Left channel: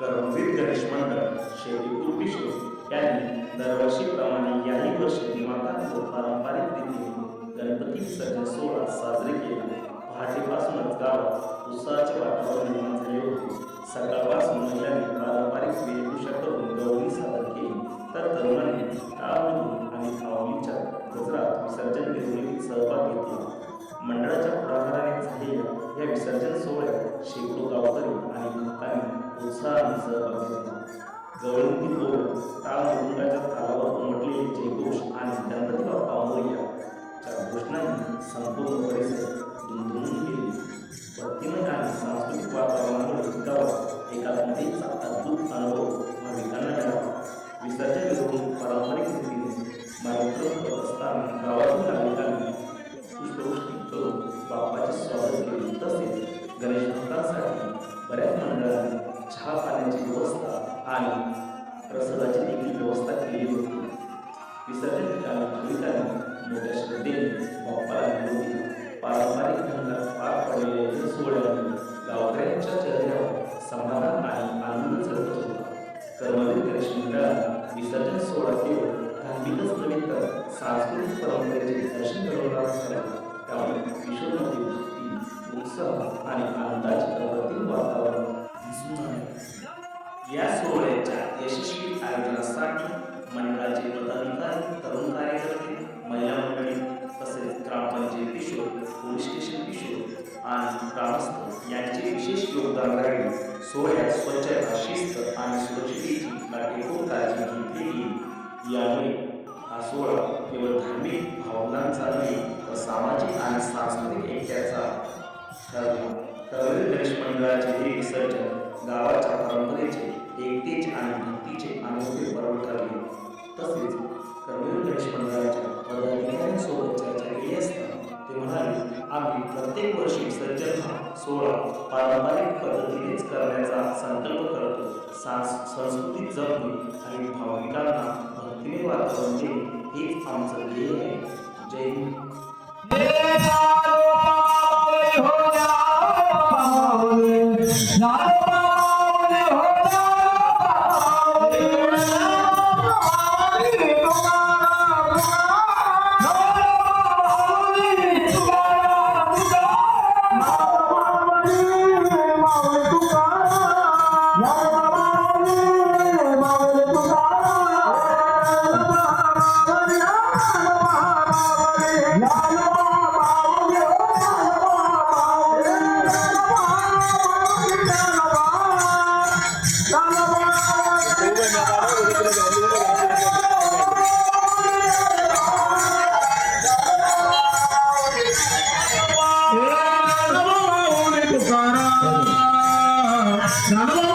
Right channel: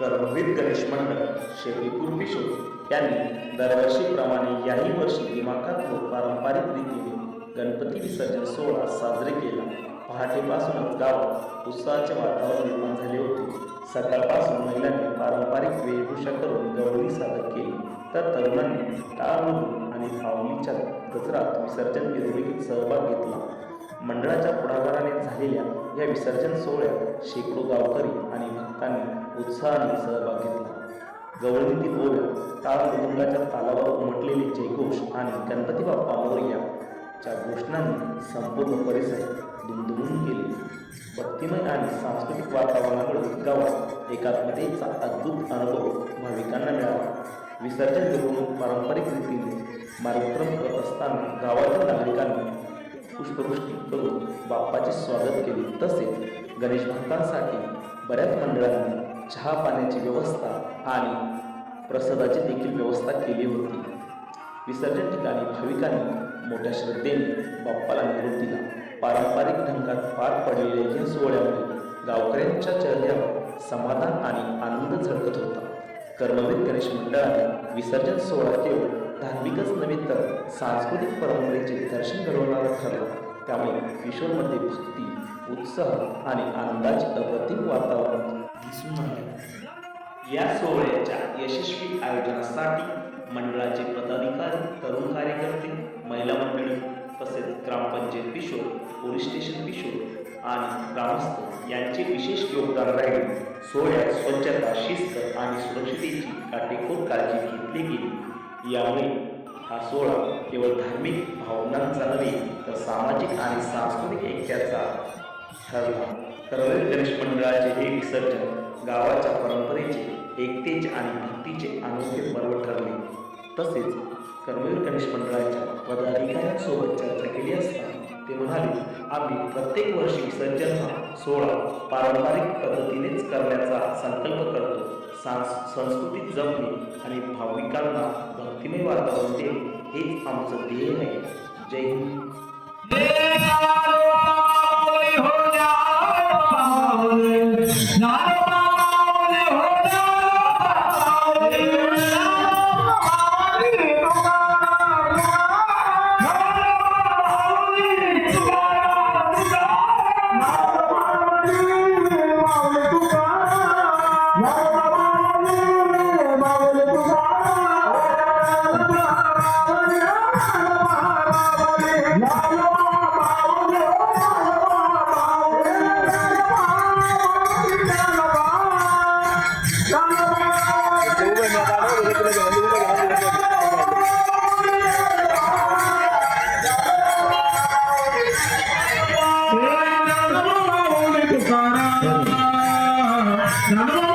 कर्मवीर गणेश मंडळ शेतीपूर पिशोर यांनी दरवर्षीप्रमाणे याही वर्षी दिमाखात व पारंपरिक रीतीने गणपती विसर्जन सोहळा साजरे केला. पहाटेपासूनच गावात उत्साहाचे वातावरण निर्माण झाले होते. सकाळपासून महिलांनी पारंपरिक वेशभूषा करून गवळणी सादर केली. तर तरुणांनी टाळमधून आणि फावलीच्या गजरात विसर्जन मिरवणुकीत सहभाग घेतला. मंडळाच्या पुढाकाराने झालेल्या या विसर्जन सोहळ्यात शेकडो गावकरी आणि भक्तांनी उत्साहाने सहभाग घेतला जवळीतील ओव्या टाळ मृदुंगाच्या तालावर उमटलेले जयघोष आणि गणपती बाप्पा मोरियाच्या घोषणांनी संपूर्ण परिसर दुमदुमून गेले. भक्तिमय आणि सांस्कृतिक वातावरणामुळे गावात एकात्मतेचा अद्भुत अनुभव भाविकांना मिळाला. विसर्जन मिरवणूक पारंपरिक रीतीने मार्गक्रम करत असताना गावातील नागरिकांनी पुष्पवृष्टी करून बाप्पाचे स्वागत केले. तसेच गणेश भक्तांसाठी बऱ्याच मंडळांनी चहा पाण्याची व्यवस्था आणि प्रसादाची देखील व्यवस्था केली होती. विसर्जन ठिकाणी भाविकांनी मोठ्या श्रद्धेने बाप्पाला निरोप दिला. पारंपरिक ढंगात पार पडलेल्या जन सोहळ्यामुळे गावकऱ्यांच्या चेहऱ्यावर समाधान आणि आनंद झळकत होता. कर्मवीर गणेश मंडळाने विसर्जन सोहळा केवळ धार्मिकच नव्हे तर सांस्कृतिक परंपरेचे दर्शन घडवणारा ठरवला त्यामुळे किशोरमध्ये भक्ती उत्साह आणि आनंदाचे अप्रतिम वातावरण दिसून आले. या सोहळ्याच्या यशस्वी आयोजनासाठी मंडळाचे पदाधिकारी तरुण कार्यकर्ते महिला मंडळी तसेच ग्रामपंचायत किशोर पोलीस स्टेशन किशोर आणि ग्रामस्थ यांचे विशेष योगदान राहिले. सोहळ्यात स्वच्छता शिस्त आणि सुरक्षितेची काटेकोर काळजी घेतली गेली. यामुळे हा सोहळा केवळ धार्मिक भावनांचा नव्हे तर सामाजिक आणि सांस्कृतिक ऐक्याचा ठरला. करवीर गणेश मंडळाचे हे विसर्जन गावाच्या परंपरेचे एकतेचे आणि भक्तीचे अनोखे पर्व ठरले. तसेच कर्मवीर गणेश मंडळाच्या पदाधिकाऱ्यांसोबत चर्चा केली असता ते म्हणाले आम्ही प्रत्येक वर्षी विसर्जन हा सोहळा पारंपरिक पद्धतीनेच करण्याचा संकल्प करतो. सांस संस्कृती जपणे आणि भाविकांना भक्तिमय वातावरण देणे हेच आमचं ध्येय आहे. जय हिंद. 生放送。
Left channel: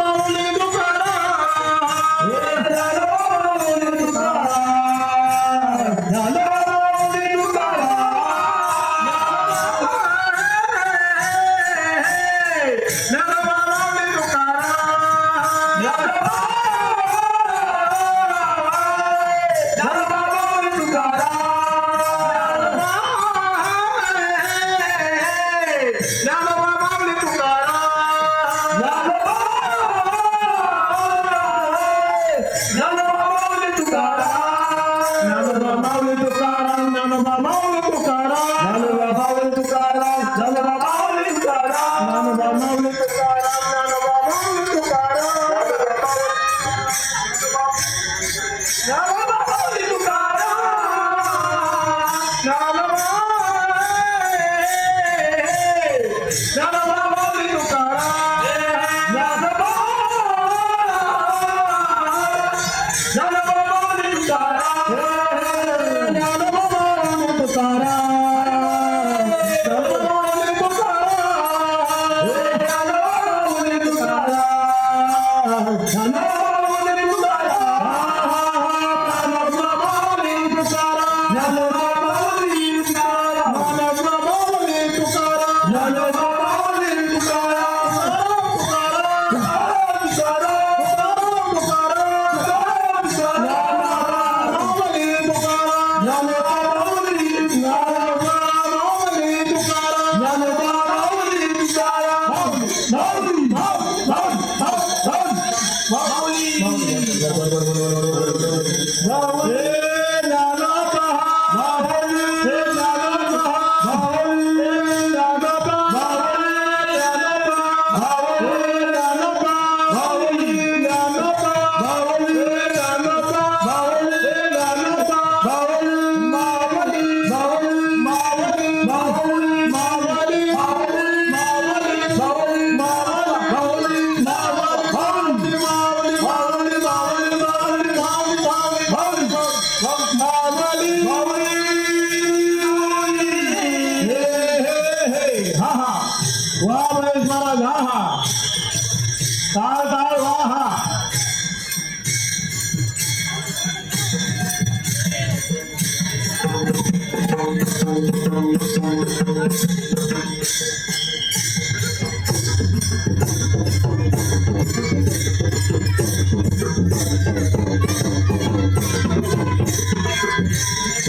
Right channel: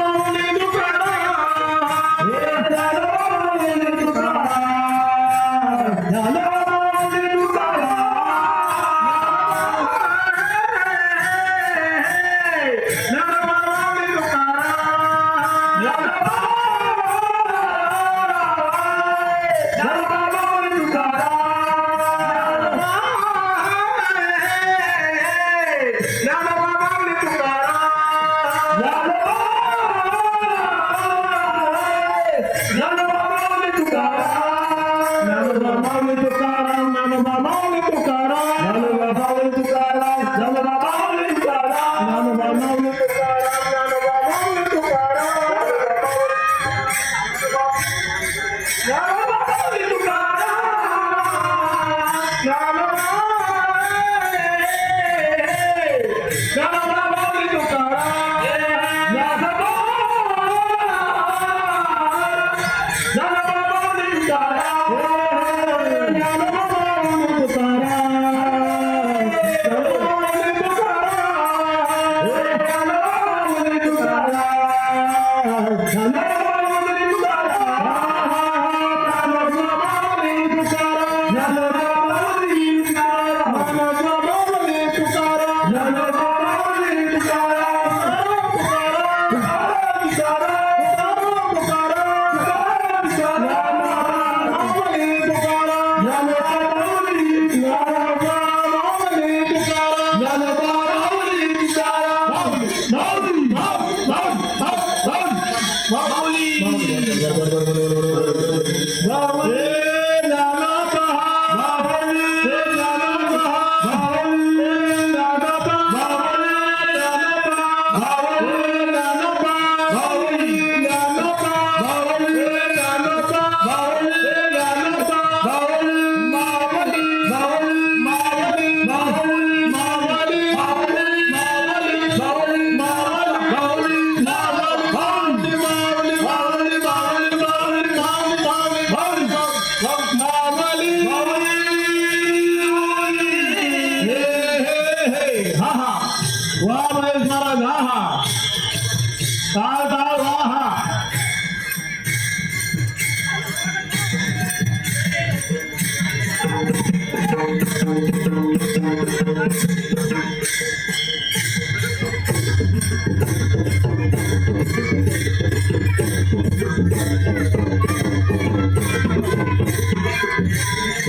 ताल ताल वाह।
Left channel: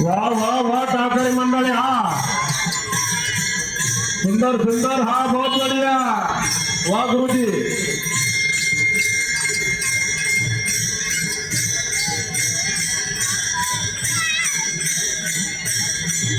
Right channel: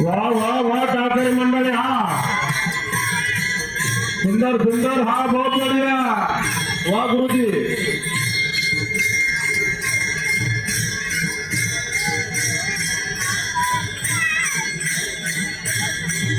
वाह वाह वाह ठाकरे मंडळी हा। सुंदर सुंदर, हा, बहुत बढ़िया। वाह गुरु जी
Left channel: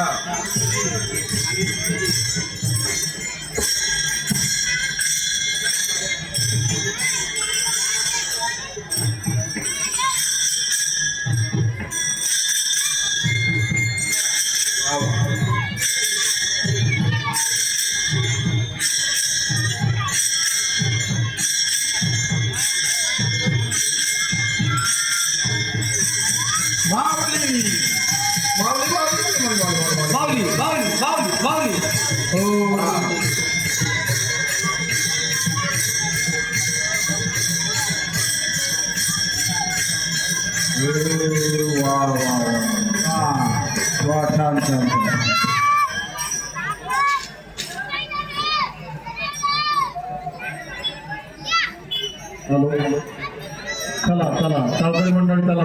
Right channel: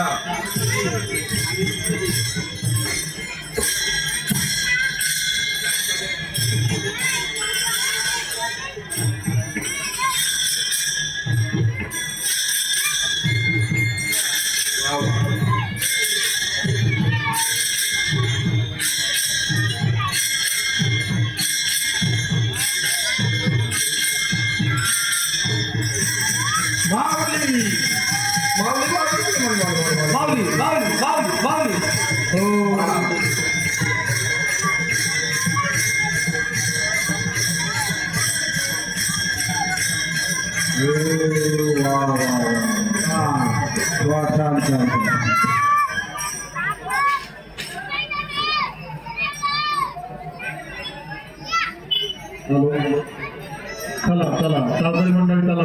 हा Wow. வாவி வாவி வாவி வாவி ஓ হ্যালো তালা তালা তাড়াতাড়ি মন্ডল তালা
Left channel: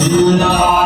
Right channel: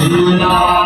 Allah.